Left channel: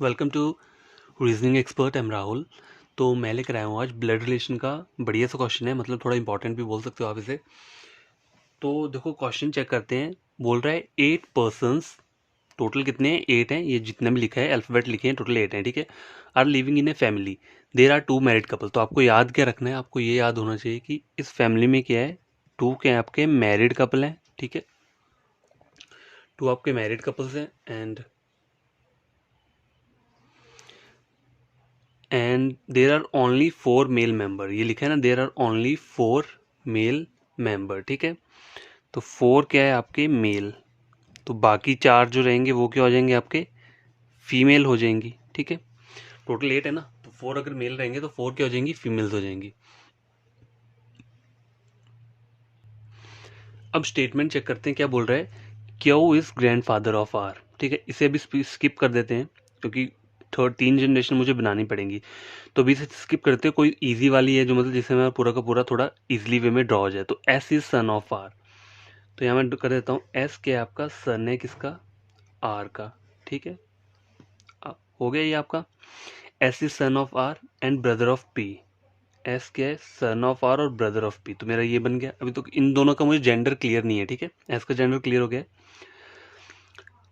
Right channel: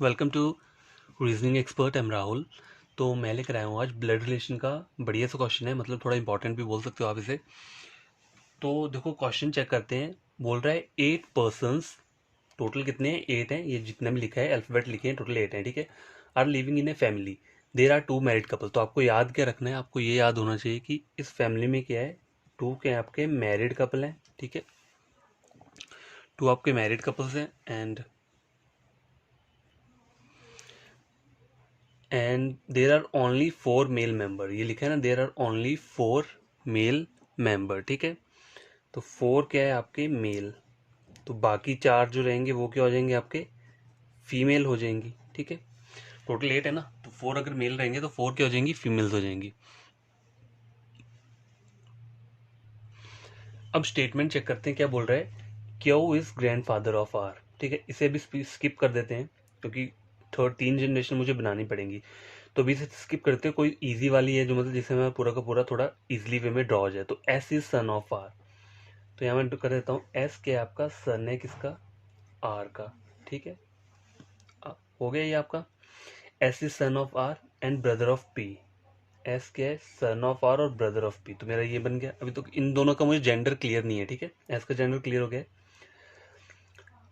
Welcome to reasoning expert. Am Rahul. तो मैं लेकर आया हूँ आज ब्लड रिलेशन का बढ़िया सा क्वेश्चन है, मतलब थोड़ा इंपॉर्टेंट भी बोल सकते हो आप इसे। तो देखो क्वेश्चन चेक करते हैं। बोल रहा है 8 पर्सन्स, टोटल कितने हैं? 8 हैं। ये जितने भी लिखा है अल्फ़ाबेट लिखे हैं टोटल 8 हैं, ठीक है। Are living in a family, there are 2 married couple. तो आपको याद क्या रखना है? आपको ये याद होना चाहिए कि इस फैमिली में क्या है, 2 क्या है आपके मैरिड कपल हैं, ठीक है। 2 आपके मैरिड कपल्स हैं and there are only 4 male member. ये लिखा है ना, there are only 4 male member, ठीक है। तो 4 क्या है आपके मेल, तो बाकी 4 जो रहेंगे वो क्या हो जाएंगे आपके फीमेल हो जाएंगी, ठीक है। टोटल 8 है ना, तो 4 अगर मेल रहेंगे तो 4 क्या हो जाएंगी, फीमेल्स हो जाएंगी। अब स्टेटमेंट चेक करते हैं क्या बोल रहा है। Q is grand father of R, ठीक है। इसे भी स्किप कर देते हैं क्योंकि 3 जनरेशन मुझे बनानी पड़ेंगी। तो अभी से स्किप करते हैं। कोई इजी वाली है जो मतलब जिससे मैं पूरा का पूरा थोड़ा इजीली वे में ड्रॉ हो जाए। तो S is son of R, तो यहाँ मैं कर देता हूँ एस क्या है आपका, सन है किसका, आर का, ठीक है। हो गया ये आपका। S is son of R and brother of P. S क्या है, सन ऑफ आर और ब्रदर ऑफ पी। तो मेरा ये बन गया। अभी तो इन दोनों का मुझे जेंडर क्लियर नहीं है, ठीक है। एस का जेंडर क्लियर हो गया।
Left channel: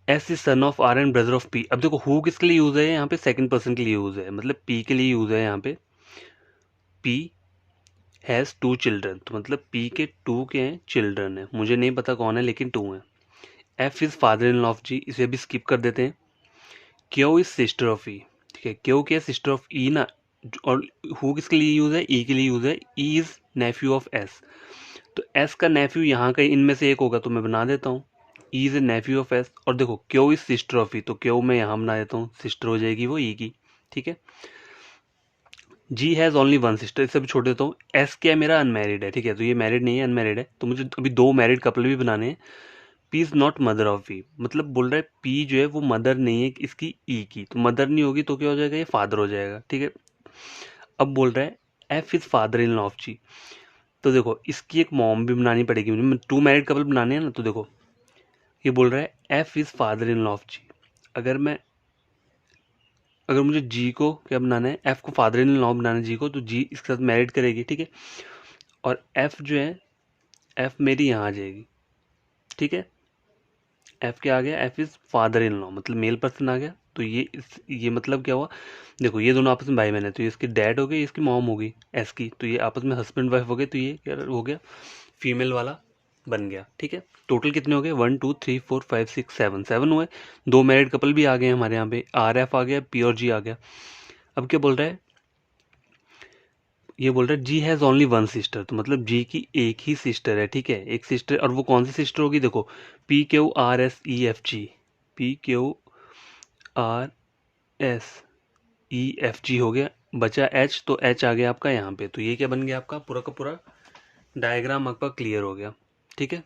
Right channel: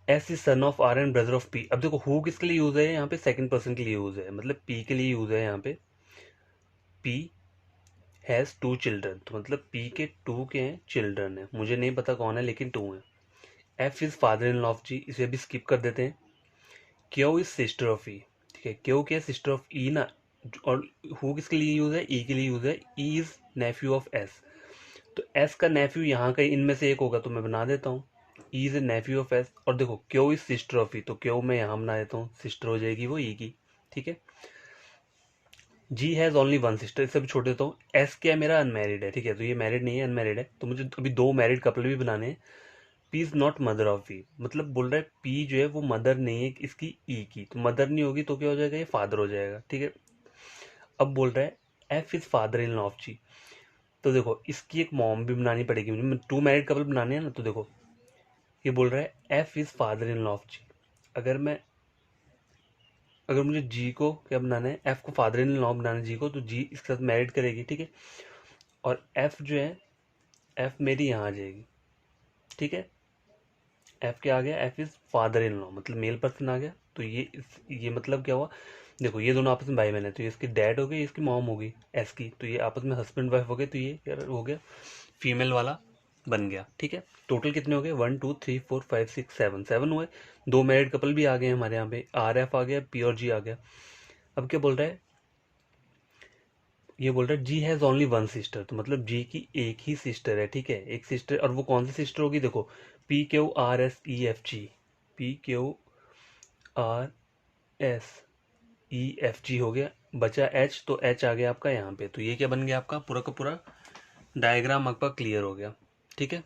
S is son of R and brother of P. अब देखो हु किसके लिए यूज है यहाँ पे, सेकंड पर्सन के लिए यूज है, मतलब पी के लिए यूज है यहाँ पे। पी हैज़ 2 चिल्ड्रन, तो मतलब पी के 2 के हैं चिल्ड्रन है, मुझे नहीं पता कौन है लेकिन 2 हैं। F is father in law of G, इसे भी स्किप कर देते हैं। Q is sister of E, ठीक है। क्यू क्या है, सिस्टर ऑफ ई ना। और हु किसके लिए यूज है, ई के लिए यूज है। E is Neiphiu of S, तो एस का नेफ्यू यहाँ का इनमें से एक होगा, तो मैं बना देता हूँ E is a Neiphiu of S. और देखो क्यू इज सिस्टर ऑफ ई, तो क्यू मैं यहाँ बना देता हूँ, सिस्टर हो जाएगी वो ई की, ठीक है। जी हैज़ ओनली वन सिस्टर, इससे भी छोड़ देता हूँ। एस क्या है मेरा, अनमैरिड है, ठीक है। तो ये मैरिड नहीं है, अनमैरिड है, तो मुझे अभी 2 मैरिड कपल भी बनाने हैं। P is not mother of V, मतलब बोल रहा है पी जो है वो मदर नहीं है इसकी ई की, तो मदर नहीं होगी तो क्या हो जाएगा, ये फादर हो जाएगा, ठीक है। अब बोल रहा है F is father in law of G. तो देखो इसकी एक मॉम भी बनानी पड़ेगी मुझे, 2 मैरिड कपल बनाने हैं ना। तो देखो ये बोल रहा है F is father in law of G. अगर मैं अगर मुझे जी को क्या बनाना है, एफ को फादर इन लॉ बनाना है जी को, तो जी इसके साथ मैरिड करेगी, ठीक है। और एफ जो है, एफ मेरी यहाँ आ जाएगी, ठीक है। एफ क्या आ गया, F is father in law, मतलब मेल पर्सन आ गया। तो ये मतलब क्या हुआ, देखो ये दोनों आपस में भाई बहन है, तो ये इसकी डैड हो गई, इसकी मॉम हो गई एस की, तो ये आपस में हस्बैंड वाइफ हो गए, तो ये क्या हो गया, फीमेल वाला बन गया, ठीक है। टोटल कितने हो गए, 1 2 3 4 5 6 7 7 हुए। 2 मैरिड कपल भी आ गए हमारे यहाँ पे, आर एफ आ गया, पी और जी आ गया। अब क्या बोल रहा है, ये बोल रहा है जी हैज़ ओनली वन सिस्टर, तो मतलब जी की एक ही सिस्टर है, ठीक है। एक सिस्टर, और वो कौन सी सिस्टर होगी, देखो P Q R S E F G, P Q R S E F G हो गया। बचा एच, तो एच आ गया आपका यहाँ पे। तो ये क्या बन गया आपका, पूरा का पूरा डायग्राम आपका क्लियर हो गया, ठीक है।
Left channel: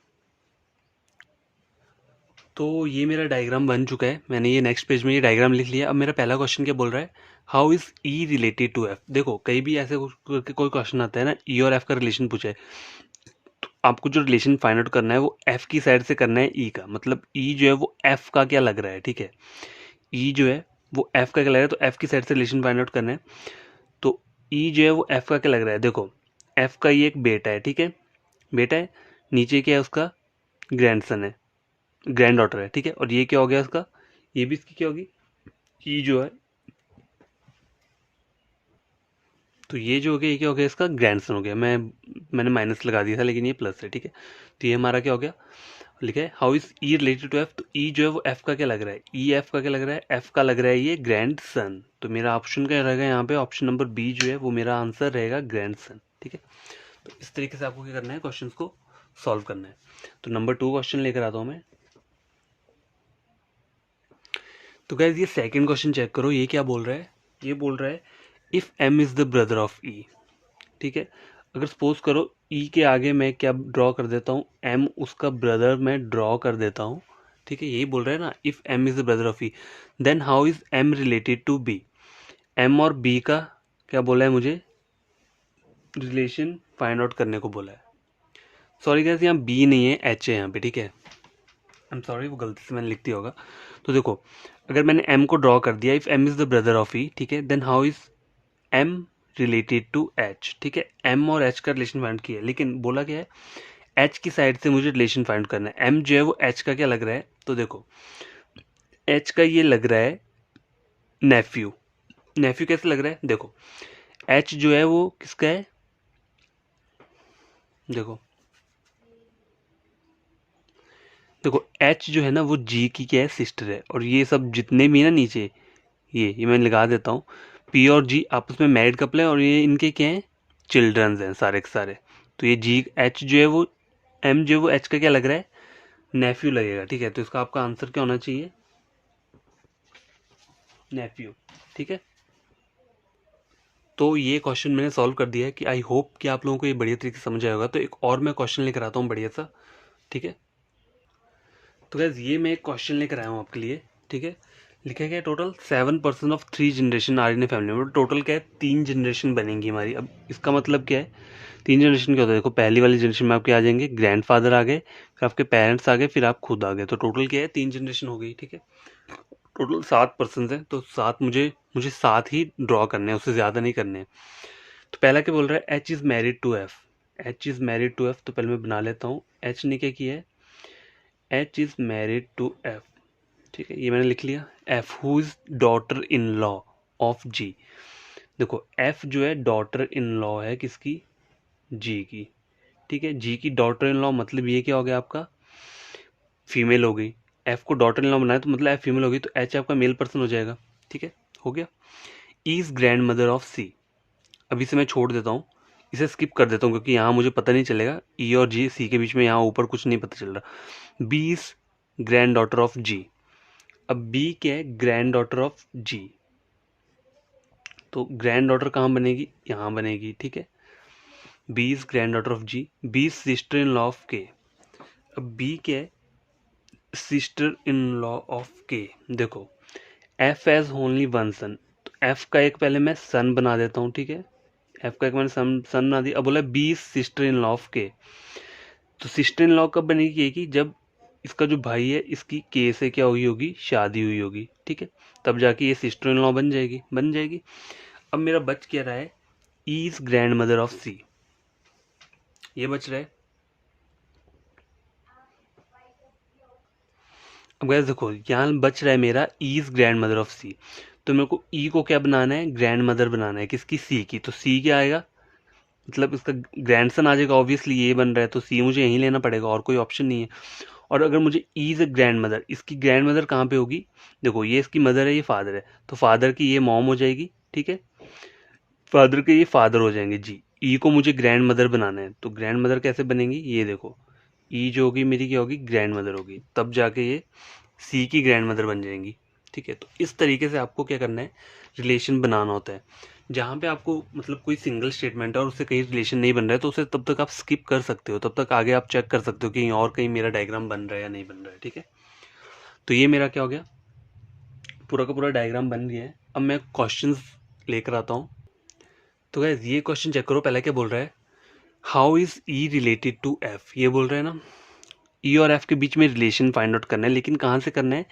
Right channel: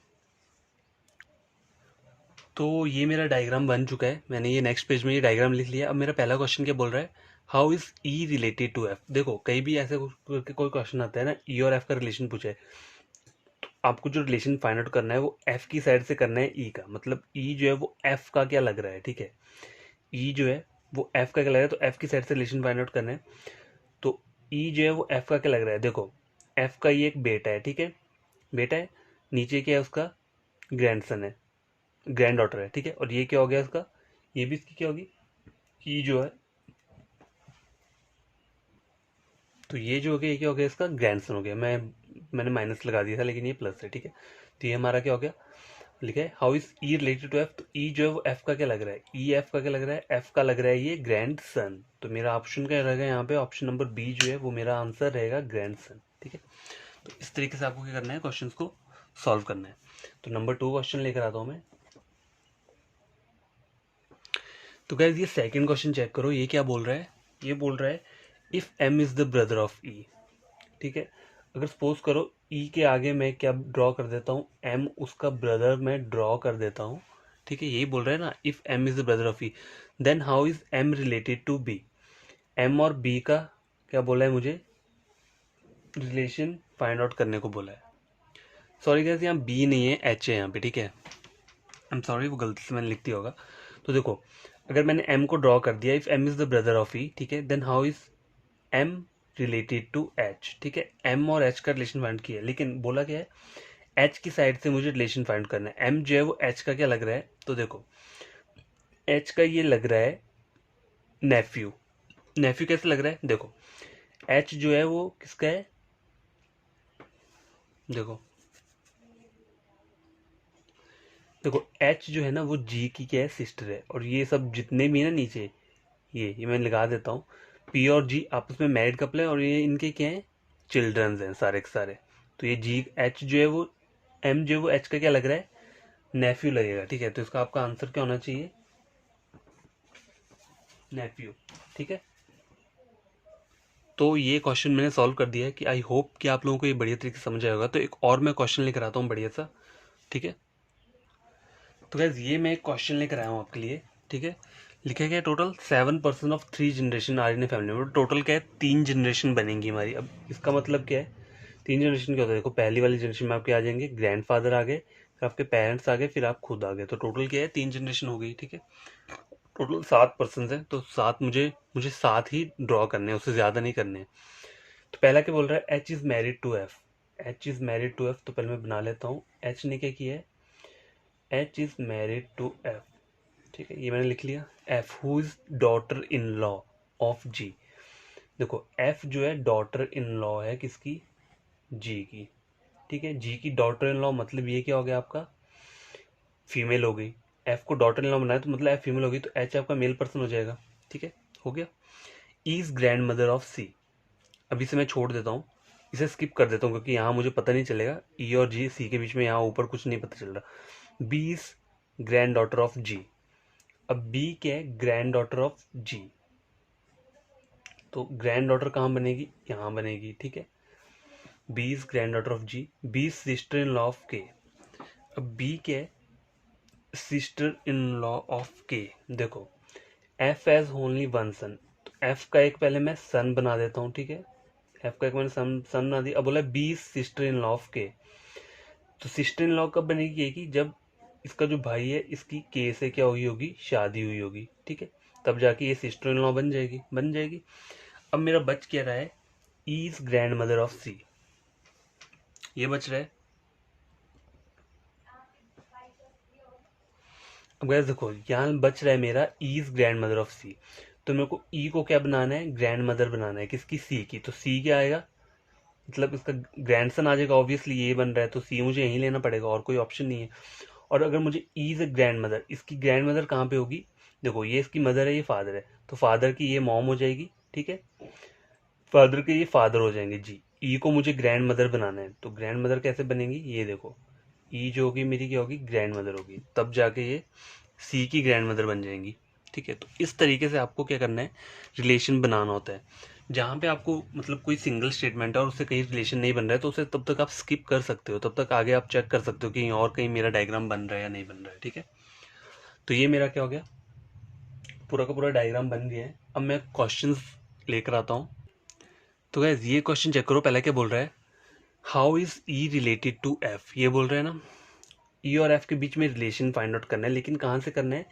तो ये मेरा डायग्राम बन चुका है, मैंने ये नेक्स्ट पेज में ये डायग्राम लिख लिया। अब मेरा पहला क्वेश्चन क्या बोल रहा है, how is E related to F. देखो कहीं भी ऐसे कोई क्वेश्चन आता है ना, ई और एफ का रिलेशन पूछे, आपको जो रिलेशन फाइंड आउट करना है वो एफ की साइड से करना है ई का, मतलब ई जो है वो एफ का क्या लग रहा है, ठीक है। ई जो है वो एफ का क्या लग रहा है, तो एफ की साइड से रिलेशन फाइंड आउट करना है। तो ई जो है वो एफ का क्या लग रहा है, देखो एफ का ये एक बेटा है, ठीक है, बेटा है। नीचे क्या है उसका, ग्रैंडसन है, ग्रैंड डॉटर है, ठीक है। और ये क्या हो गया उसका, ये भी इसकी क्या होगी, ई जो है, तो ये जो हो गया, ये क्या हो गया, इसका ग्रैंडसन हो गया। मैंने माइनस लगा दिया था लेकिन ये प्लस है, ठीक है। तो ये हमारा क्या हो गया, लिखा है how is E related to F. तो ई जो है वो एफ का क्या लग रहा है, ई एफ का क्या लग रहा है, एफ का लग रहा है ये ग्रैंड सन। तो मेरा ऑप्शन क्या रहेगा यहाँ पे, ऑप्शन नंबर बी जो है वो मेरा आंसर रहेगा ग्रैंड सन, ठीक है। तो इस तरीके से आपको क्या करना है, क्वेश्चन को सॉल्व करना है। तो नंबर 2 क्वेश्चन लेकर आता हूँ मैं। तो गाइज ये सेकंड क्वेश्चन चेक करो, ये क्या बोल रहा है, ये बोल रहा है if M is the brother of E, ठीक है। अगर सपोज करो ई के आगे मैं क्या ड्रॉ कर देता हूँ, एम उसका ब्रदर मैं ड्रॉ कर देता हूँ, ठीक है। यही बोल रहा है ना, if M is the brother of E, then how is M related to B. M और बी का क्या बोला है मुझे, रिलेशन फाइंड आउट करने को बोला है। सॉरी गाइस यहाँ बी नहीं है, एच है यहाँ पे, ठीक है। आई एम सॉरी, वो गलती से मैंने लिख दिया होगा। तो देखो अगर मैंने एम को ड्रॉ कर दिया, if M is the brother of E, ठीक है, then how is M related to H, ठीक है। एम और एच का रिलेशन फाइंड किया है, लेकिन बोला क्या है, एच की साइड से मुझे रिलेशन फाइंड करना है। एम जो है वो एच का क्या लग रहा है, तो देखो एच का ये लग रहा है नेफ्यू। नेफ्यू कैसे लग रहा है, देखो एच जो है वो किसका है, देखो देखो एच जो है ना वो जी की क्या है, सिस्टर है। और ये सब जितने भी है ना नीचे, ये मैं लगा देता हूँ, पी और जी आपस में मैरिड कपल है और ये इनके क्या हैं, चिल्ड्रंस हैं सारे के सारे। तो ये जी एच जो है वो, एम जो है वो एच का क्या लग रहा है, नेफ्यू लगेगा, ठीक है। तो इसका आपका आंसर क्या होना चाहिए, नेफ्यू, ठीक है। तो ये क्वेश्चन मैंने सॉल्व कर दिया है कि आई होप कि आप लोगों को ये बढ़िया तरीके से समझ आया होगा। तो एक और मैं क्वेश्चन लेकर आता हूँ बढ़िया सा, ठीक है। तो गैस ये मैं एक क्वेश्चन लेकर आया हूँ आपके लिए, ठीक है। लिखा गया total 7% of 3 generation are in a family में। टोटल क्या है, 3 जनरेशन बनेंगी हमारी। अब इसका मतलब क्या है, 3 जनरेशन क्या होता है, देखो पहली वाली जनरेशन में आपके आ जाएंगे ग्रैंडफादर आ गए, फिर आपके पेरेंट्स आ गए, फिर आप खुद आ गए। तो टोटल क्या है, 3 जनरेशन हो गई, ठीक है। टोटल 7 पर्सन है, तो 7 मुझे मुझे 7 ही ड्रॉ करने हैं, उससे ज़्यादा नहीं करने हैं। तो पहला क्या बोल रहा है, H is married to F. H is married to F, तो पहले मैं बना लेता हूँ। एच ने क्या किया है, H is married to F, ठीक है, ये मैंने लिख लिया। F who is daughter in law of G. देखो एफ जो है डॉटर इन लॉ है किसकी, जी की, ठीक है। जी की डॉटर इन लॉ मतलब ये क्या हो गया आपका, फीमेल हो गई। एफ को डॉटर इन लॉ बनाया तो मतलब एफ फीमेल होगी, तो एच आपका मेल पर्सन हो जाएगा, ठीक है, हो गया। E is grandmother of C. अभी से मैं छोड़ देता हूँ, इसे स्किप कर देता हूँ क्योंकि यहाँ मुझे पता नहीं चलेगा, ई और जी सी के बीच में यहाँ ऊपर कुछ नहीं पता चल रहा। B is grand daughter of G. अब बी क्या है, ग्रैंड डॉटर ऑफ जी। तो ग्रैंड डॉटर कहाँ बनेगी, यहाँ बनेगी, ठीक है। B is grand daughter of G. B sister in law of K. अब बी क्या है, सिस्टर इन लॉ ऑफ के। देखो एफ एज ओनली वन सन, तो एफ का एक पहले मैं सन बना देता हूँ, ठीक है। एफ का एक मैंने सन बना दिया। अब बोला B sister in law of K. तो सिस्टर इन लॉ कब बनेगी ये, कि जब इसका जो भाई है इसकी के से क्या हुई होगी, शादी हुई होगी, ठीक है, तब जाके ये सिस्टर इन लॉ बन जाएगी। अब मेरा बच क्या रहा है, E is grandmother of C, ये बच रहा है। अब गैस देखो यहाँ बच रहा है मेरा E is grandmother of C. तो मेरे को ई को क्या बनाना है, ग्रैंड मदर बनाना है, किसकी, सी की। तो सी क्या आएगा, मतलब इसका ग्रैंडसन आ जाएगा, ऑब्वियसली ये बन रहा है, तो सी मुझे यहीं लेना पड़ेगा, और कोई ऑप्शन नहीं है। और अगर मुझे E is a grand mother, इसकी ग्रैंड मदर कहाँ पे होगी, देखो ये इसकी मदर है, ये फादर है, तो फादर की ये मॉम हो जाएगी, ठीक है। फादर के ये फादर हो जाएंगे जी। ई को मुझे ग्रैंड मदर बनाना है, तो ग्रैंड मदर कैसे बनेंगी, ये देखो ई जो होगी मेरी क्या होगी, ग्रैंड मदर होगी, तब जाके ये सी की ग्रैंड मदर बन जाएंगी, ठीक है। तो इस तरीके से आपको क्या करना है, रिलेशन बनाना होता है। जहाँ पे आपको मतलब कोई सिंगल स्टेटमेंट है और उससे कहीं रिलेशन नहीं बन रहा है, तो उसे तब तक आप स्किप कर सकते हो, तब तक आगे आप चेक कर सकते हो कि और कहीं मेरा डायग्राम बन रहा है या नहीं बन रहा है, ठीक है। तो ये मेरा क्या हो गया, पूरा का पूरा डायग्राम बन गया है। अब मैं क्वेश्चंस लेकर आता हूँ। तो गाइस ये क्वेश्चन चेक करो, पहला क्या बोल रहा है, how is E related to F. ये बोल रहा है ना, ई और एफ के बीच में रिलेशन फाइंड आउट करना है, लेकिन कहाँ से करना है,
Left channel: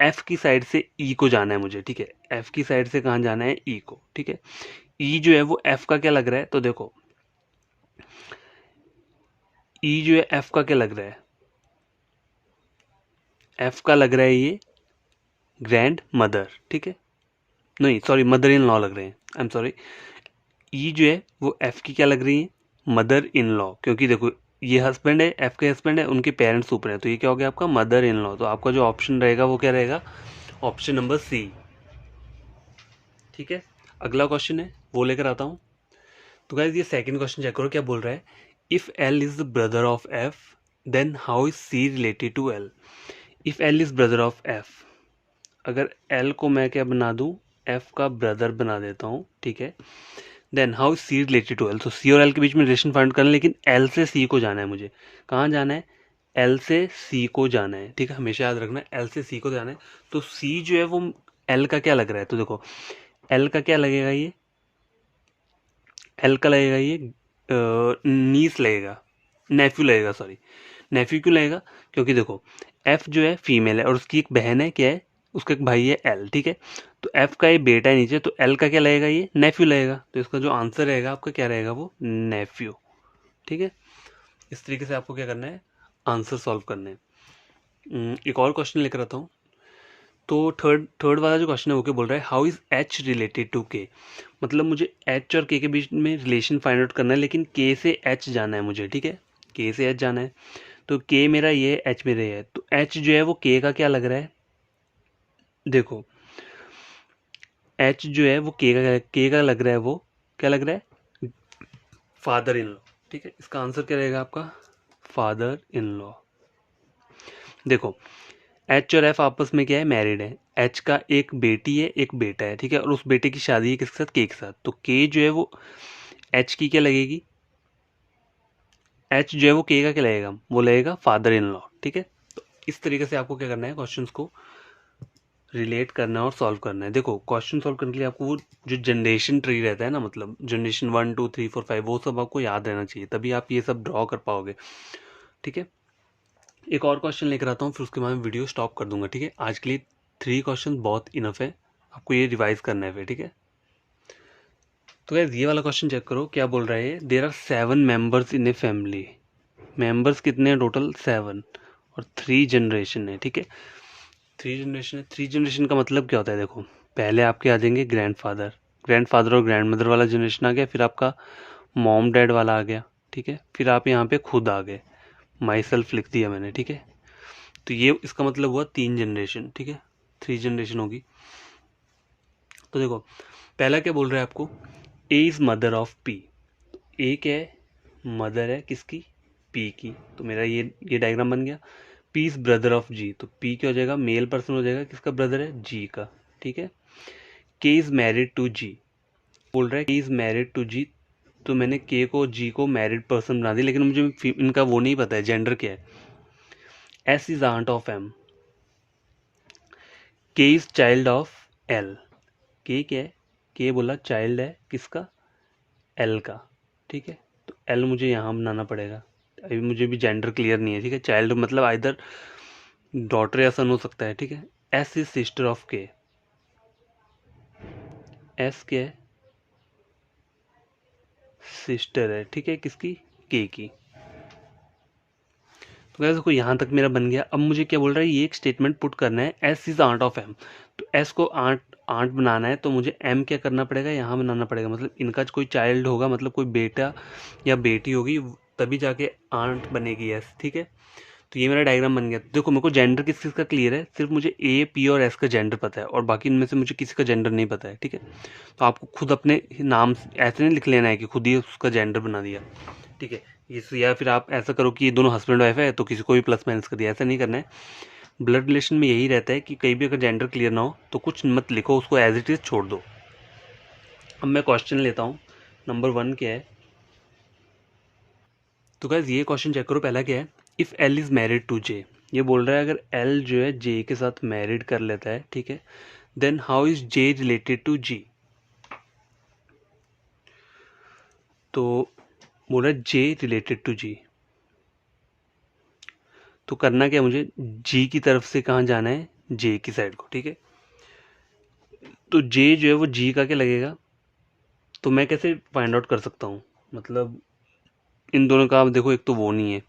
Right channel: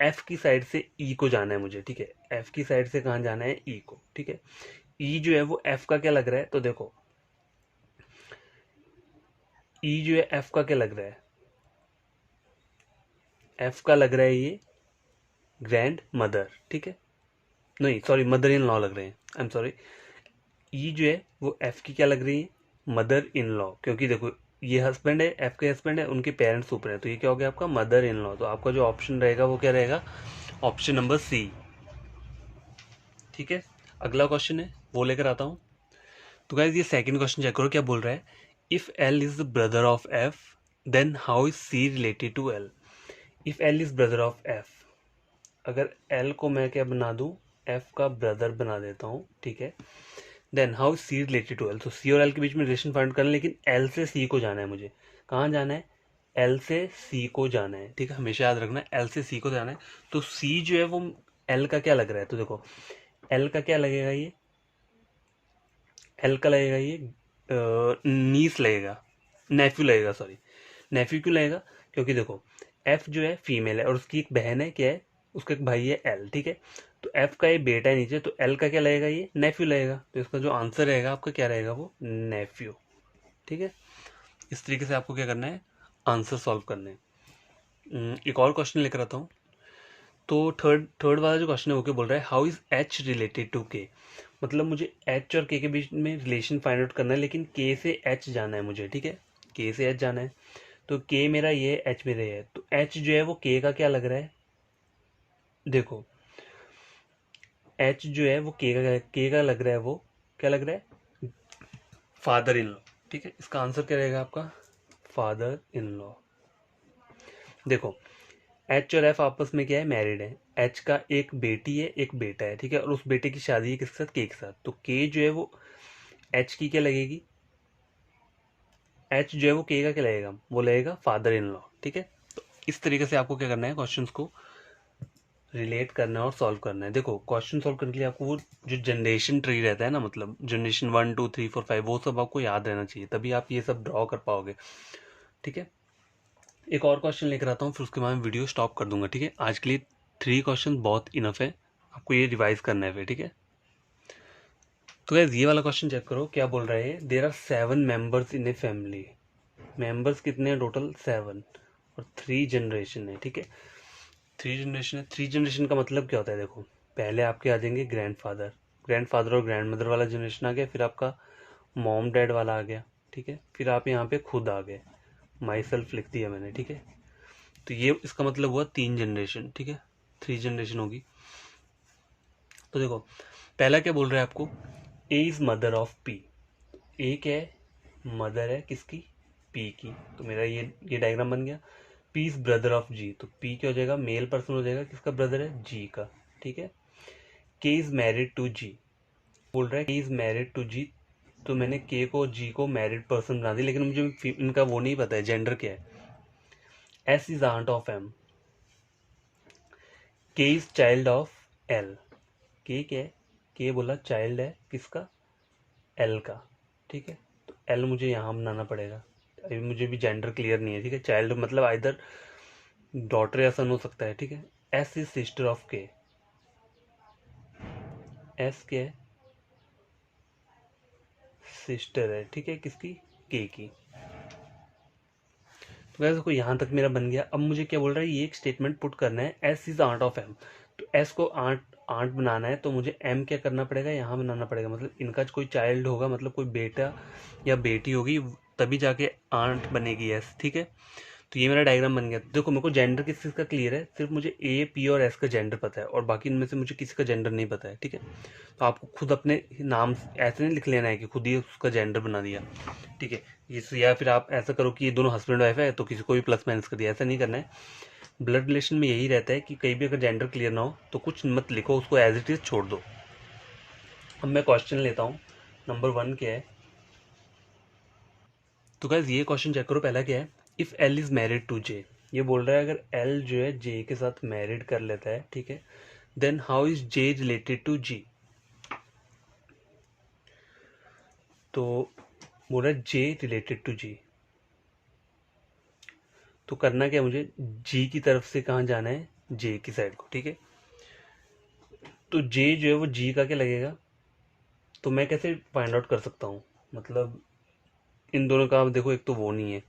एफ की साइड से ई को जाना है मुझे, ठीक है। एफ की साइड से कहाँ जाना है, ई को, ठीक है। ई जो है वो एफ का क्या लग रहा है, तो देखो ई जो है एफ का क्या लग रहा है, एफ का लग रहा है ये ग्रैंड मदर, ठीक है, नहीं सॉरी मदर इन लॉ लग रहे हैं, आई एम सॉरी। ई जो है वो एफ की क्या लग रही है, मदर इन लॉ, क्योंकि देखो ये हस्बैंड है, एफ के हस्बैंड है, उनके पेरेंट्स ऊपर है, तो ये क्या हो गया आपका मदर इन लॉ। तो आपका जो ऑप्शन रहेगा वो क्या रहेगा, ऑप्शन नंबर सी, ठीक है। अगला क्वेश्चन है वो लेकर आता हूँ। तो गाइस ये सेकंड क्वेश्चन चेक करो, क्या बोल रहा है, if L is the brother of F then how is C related to L. If L is brother of F, अगर एल को मैं क्या बना दूं, एफ का ब्रदर बना देता हूँ, ठीक है, then how is C related to L. तो सी और एल के बीच में रिलेशन फाइंड करना है, लेकिन एल से सी को जाना है मुझे, कहाँ जाना है, एल से सी को जाना है, ठीक है, हमेशा याद रखना एल से सी को जाना है। तो सी जो है वो एल का क्या लग रहा है, तो देखो एल का क्या लगेगा, ये एल का लगेगा ये नीस लगेगा, नेफ्यू लगेगा, सॉरी नेफ्यू क्यों लगेगा, क्योंकि देखो एफ जो है फीमेल है और उसकी एक बहन है क्या है, उसका एक भाई है एल, ठीक है। तो एफ का ये बेटा है नीचे, तो एल का क्या लगेगा, ये नेफ्यू लगेगा। तो इसका जो आंसर रहेगा आपका क्या रहेगा, वो नेफ्यू, ठीक है। इस तरीके से आपको क्या करना है, आंसर सॉल्व करने हैं। एक और क्वेश्चन लेकर आता हूँ। तो थर्ड वाला जो क्वेश्चन है वो क्या बोल रहा है, how is H related to K. मतलब मुझे एच और के बीच में रिलेशन फाइंड आउट करना है, लेकिन के से एच जाना है मुझे, ठीक है। के से एच जाना है, तो के मेरा ये है, एच मेरा ये है। तो एच जो है वो के का क्या लग रहा है, देखो एच जो है वो के का लग रहा है, वो क्या लग रहा है, फादर इन लॉ, ठीक है। इसका आंसर क्या रहेगा आपका, फादर इन लॉ। देखो एच और एफ आपस में क्या है, मैरिड है। एच का एक बेटी है, एक बेटा है, ठीक है। और उस बेटे की शादी है किसके साथ, के के साथ। तो के जो है वो एच की क्या लगेगी, एच जो है वो के का क्या लगेगा, वो लगेगा फादर इन लॉ, ठीक है। तो इस तरीके से आपको क्या करना है, क्वेश्चंस को रिलेट करना है और सॉल्व करना है। देखो क्वेश्चन सॉल्व करने के लिए आपको वो जो जनरेशन ट्री रहता है ना, मतलब जनरेशन 1 2 3 4 5, वो सब आपको याद रहना चाहिए, तभी आप ये सब ड्रॉ कर पाओगे, ठीक है। एक और क्वेश्चन लेकर आता हूँ, फिर उसके बाद वीडियो स्टॉप कर दूंगा, ठीक है। आज के लिए 3 क्वेश्चन बहुत इनफ है, आपको ये रिवाइज करना है फिर, ठीक है। तो गाइस ये वाला क्वेश्चन चेक करो, क्या बोल रहा है, there are 7 members in a family. Members कितने हैं टोटल, 7, और 3 जनरेशन है, ठीक है। 3 जनरेशन है, 3 जनरेशन का मतलब क्या होता है, देखो पहले आपके आ जाएंगे ग्रैंडफादर और ग्रैंड मदर वाला जनरेशन आ गया, फिर आपका मॉम डैड वाला आ गया, ठीक है। फिर आप यहाँ पे खुद आ गए, माई सेल्फ लिख दिया मैंने, ठीक है। तो ये इसका मतलब हुआ 3 जनरेशन, ठीक है, 3 जनरेशन होगी। तो देखो पहला क्या बोल रहा है आपको, ए इज मदर ऑफ पी। ए क्या है, मदर है किसकी, पी की। तो मेरा ये डायग्राम बन गया। P is brother of G, तो पी क्या हो जाएगा, मेल पर्सन हो जाएगा, किसका ब्रदर है, जी का, ठीक है। के इज मैरिड टू जी, बोल रहा है के इज मैरिड टू जी, तो मैंने के को जी को मैरिड पर्सन बना दिया, लेकिन मुझे इनका वो नहीं पता है जेंडर क्या है। S is aunt of M, K is child of L. K क्या है, के बोला चाइल्ड है किसका, एल का, ठीक है। तो एल मुझे यहाँ बनाना पड़ेगा, अभी मुझे भी जेंडर क्लियर नहीं है, ठीक है। चाइल्ड मतलब आइदर डॉटर या सन हो सकता है, ठीक है। एस इज सिस्टर ऑफ के, एस के है, सिस्टर है, ठीक है, किसकी, के की। तो गाइस देखो यहाँ तक मेरा बन गया। अब मुझे क्या बोल रहा है, ये एक स्टेटमेंट पुट करना है, S is aunt of M. तो एस को आंट आंट बनाना है, तो मुझे एम क्या करना पड़ेगा, यहाँ बनाना पड़ेगा। मतलब इनका कोई चाइल्ड होगा, मतलब कोई बेटा या बेटी होगी, तभी जाके आंट बनेगी एस, ठीक है। तो ये मेरा डायग्राम बन गया। देखो मेरे को जेंडर किस चीज़ का क्लियर है, सिर्फ मुझे ए पी और एस का जेंडर पता है, और बाकी इनमें से मुझे किसी का जेंडर नहीं पता है, ठीक है। तो आपको खुद अपने नाम ऐसे नहीं लिख लेना है कि खुद ही उसका जेंडर बना दिया, ठीक है। या फिर आप ऐसा करो कि ये दोनों हस्बैंड वाइफ है तो किसी को भी प्लस माइनस कर दिया, ऐसा नहीं करना है। ब्लड रिलेशन में यही रहता है कि कहीं भी अगर जेंडर क्लियर ना हो तो कुछ मत लिखो, उसको एज इट इज छोड़ दो। अब मैं क्वेश्चन लेता हूँ, नंबर 1 क्या है। तो गाइस ये क्वेश्चन चेक करो, पहला क्या है, if L is married to J. ये बोल रहा है अगर एल जो है जे के साथ मैरिड कर लेता है, ठीक है, then how is J related to G. तो बोल रहा है जे रिलेटेड टू जी, तो करना क्या है, मुझे जी की तरफ से कहाँ जाना है, जे की साइड को, ठीक है। तो जे जो है वो जी का क्या लगेगा, तो मैं कैसे फाइंड आउट कर सकता हूँ, मतलब इन दोनों का, आप देखो एक तो वो नहीं है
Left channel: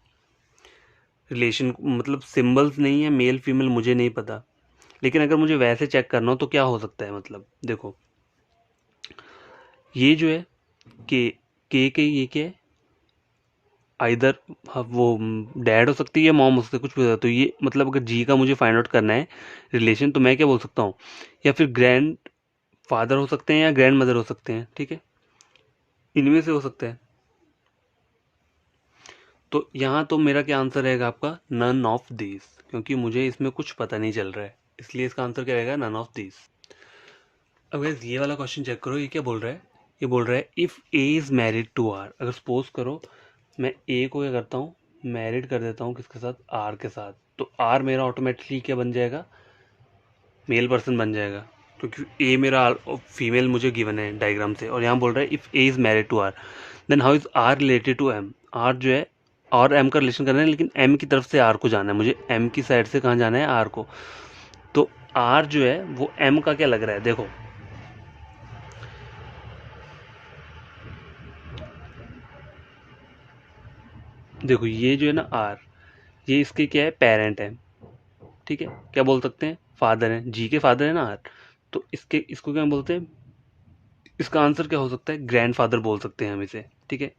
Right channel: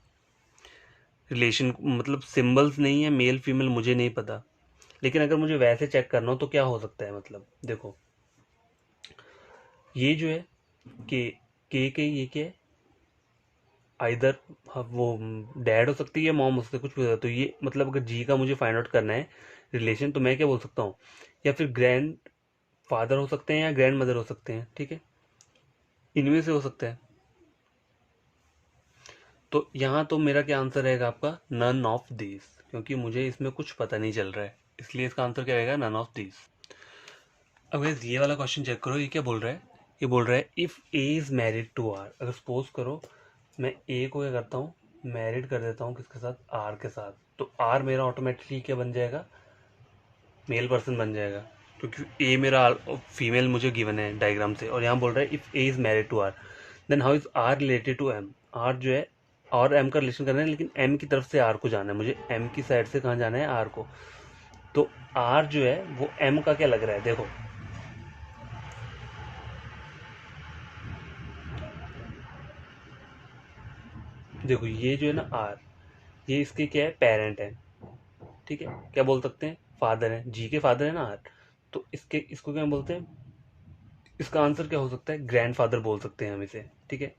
रिलेशन, मतलब सिंबल्स नहीं है, मेल फीमेल मुझे नहीं पता। लेकिन अगर मुझे वैसे चेक करना हो तो क्या हो सकता है, मतलब देखो ये जो है के ये क्या है, आइदर वो डैड हो सकती है या मॉम हो सकती है, कुछ भी हो सकता है। तो ये मतलब अगर जी का मुझे फाइंड आउट करना है रिलेशन, तो मैं क्या बोल सकता हूँ, या फिर ग्रैंड फादर हो सकते हैं या ग्रैंड मदर हो सकते हैं, ठीक है, इनमें से हो सकता है। तो यहाँ तो मेरा क्या आंसर रहेगा आपका, नन ऑफ दीज, क्योंकि मुझे इसमें कुछ पता नहीं चल रहा है, इसलिए इसका आंसर क्या रहेगा, नन ऑफ दीज। अब गाइस ये वाला क्वेश्चन चेक करो, ये क्या बोल रहा है, ये बोल रहा है if A is married to R. अगर सपोज करो मैं ए को क्या करता हूँ, मैरिड कर देता हूँ किसके साथ, आर के साथ, तो आर मेरा ऑटोमेटिकली क्या बन जाएगा, मेल पर्सन बन जाएगा, क्योंकि ए मेरा फीमेल मुझे गिवन है डायग्राम से। और यहाँ बोल रहा है if A is married to R, then how is R related to M. R जो है और एम का रिलेशन करना है, लेकिन एम की तरफ से आर को जाना है, मुझे एम की साइड से कहाँ जाना है, आर को। तो आर जो है वो एम का क्या लग रहा है, देखो देखो ये जो है ना आर, ये इसके क्या है, पेरेंट है, ठीक है, क्या बोल सकते हैं, फादर है, जी के फादर है ना आर, तो इसको क्या बोलते हैं, इसका आंसर क्या हो सकता है, ग्रैंडफादर बोल सकते हैं हम इसे, ठीक है।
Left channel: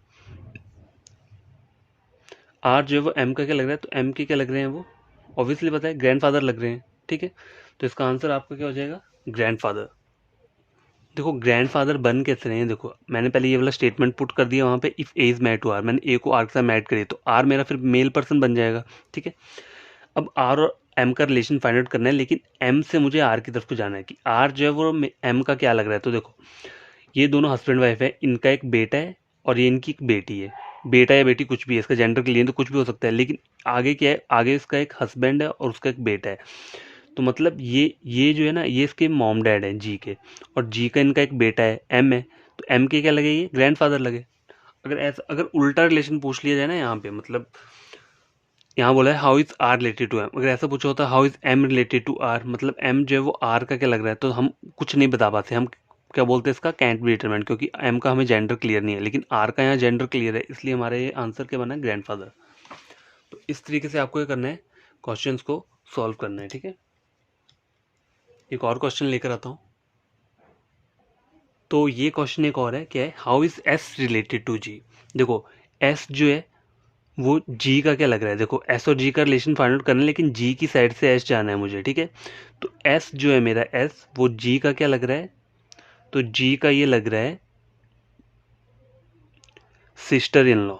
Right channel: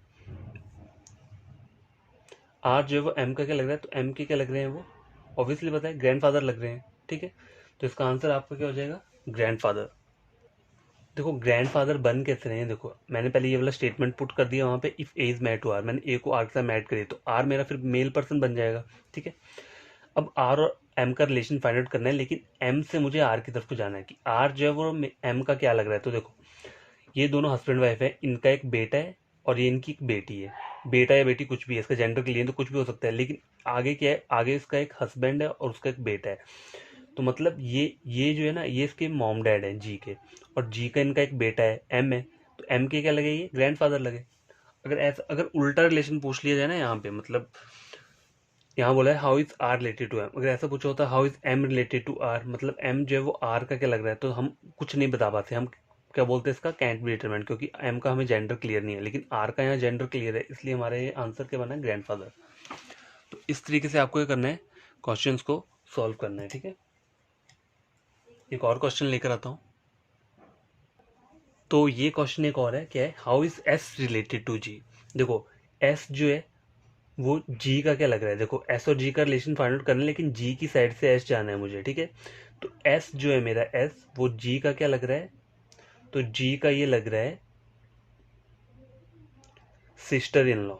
आर जो है वो एम का क्या लग रहा है, तो एम के क्या लग रहे हैं वो, ऑब्वियसली पता है ग्रैंडफादर लग रहे हैं, ठीक है। तो इसका आंसर आपका क्या हो जाएगा, ग्रैंडफादर। देखो ग्रैंडफादर बन कैसे रहे हैं, देखो मैंने पहले ये वाला स्टेटमेंट पुट कर दिया वहाँ पे, if A is mate to R, मैंने ए को आर के साथ मैट करी तो आर मेरा फिर मेल पर्सन बन जाएगा, ठीक है। अब आर और एम का रिलेशन फाइंड आउट करना है, लेकिन एम से मुझे आर की तरफ को जाना है कि आर जो है वो एम का क्या लग रहा है। तो देखो ये दोनों हस्बैंड वाइफ है, इनका एक बेटा है और ये इनकी एक बेटी है, बेटा या बेटी कुछ भी है, इसका जेंडर क्लियर तो कुछ भी हो सकता है, लेकिन आगे क्या है, आगे इसका एक हस्बैंड है और उसका एक बेटा है। तो मतलब ये जो है ना, ये इसके मॉम डैड है जी के, और जी का इनका एक बेटा है एम है, तो एम के क्या लगे, ये ग्रैंडफादर लगे। अगर ऐसा, अगर उल्टा रिलेशन पूछ लिया जाए ना यहाँ पे, मतलब यहाँ बोला है how is R related to M, अगर ऐसा पूछा होता how is M related to R, मतलब एम जो है वो आर का क्या लग रहा है, तो हम कुछ नहीं बता पाते, हम क्या बोलते हैं इसका कैंट बी डिटरमाइंड, क्योंकि एम का हमें जेंडर क्लियर नहीं है, लेकिन आर का यहाँ जेंडर क्लियर है, इसलिए हमारा ये आंसर क्या बना है, ग्रैंडफादर। तो इस तरीके से आपको क्या करना है, क्वेश्चंस को सॉल्व करना है, ठीक है। एक और क्वेश्चन लेकर आता हूँ। तो ये क्वेश्चन एक और है, क्या है, how is S related to G. देखो एस जो है वो जी का क्या लग रहा है, देखो एस और जी का रिलेशन फाइंड आउट करना है, लेकिन जी की साइड से एस जाना है मुझे, ठीक है। तो एस जो है मेरा, एस वो जी का क्या लग रहा है, तो जी का ये लग रहा है सिस्टर इन लॉ,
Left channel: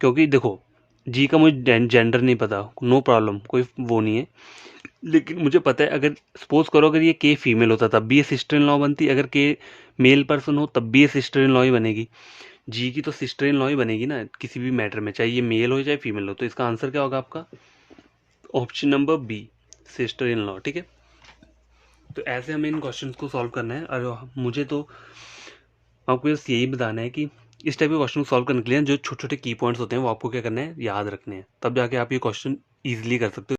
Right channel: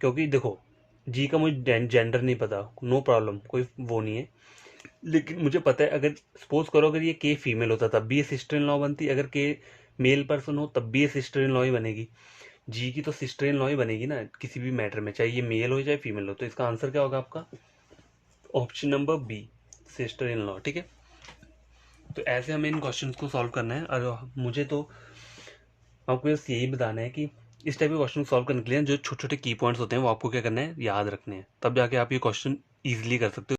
क्योंकि देखो जी का मुझे जेंडर नहीं पता, नो प्रॉब्लम, कोई वो नहीं है, लेकिन मुझे पता है अगर सपोज करो अगर ये के फीमेल होता तब भी ये सिस्टर इन लॉ बनती, अगर के मेल पर्सन हो तब भी ये सिस्टर इन लॉ ही बनेगी, जी की तो सिस्टर इन लॉ ही बनेगी ना किसी भी मैटर में, चाहे ये मेल हो चाहे फीमेल हो। तो इसका आंसर क्या होगा आपका, option number B, sister in law, ठीक है। तो ऐसे हमें इन क्वेश्चंस को सॉल्व करना है, और मुझे तो आपको बस यही बताना है कि इस टाइप के क्वेश्चन सॉल्व करने के लिए जो छोटे छोटे की पॉइंट्स होते हैं वो आपको क्या करना है, याद रखने हैं, तब जाके आप ये क्वेश्चन ईजिली कर सकते हो।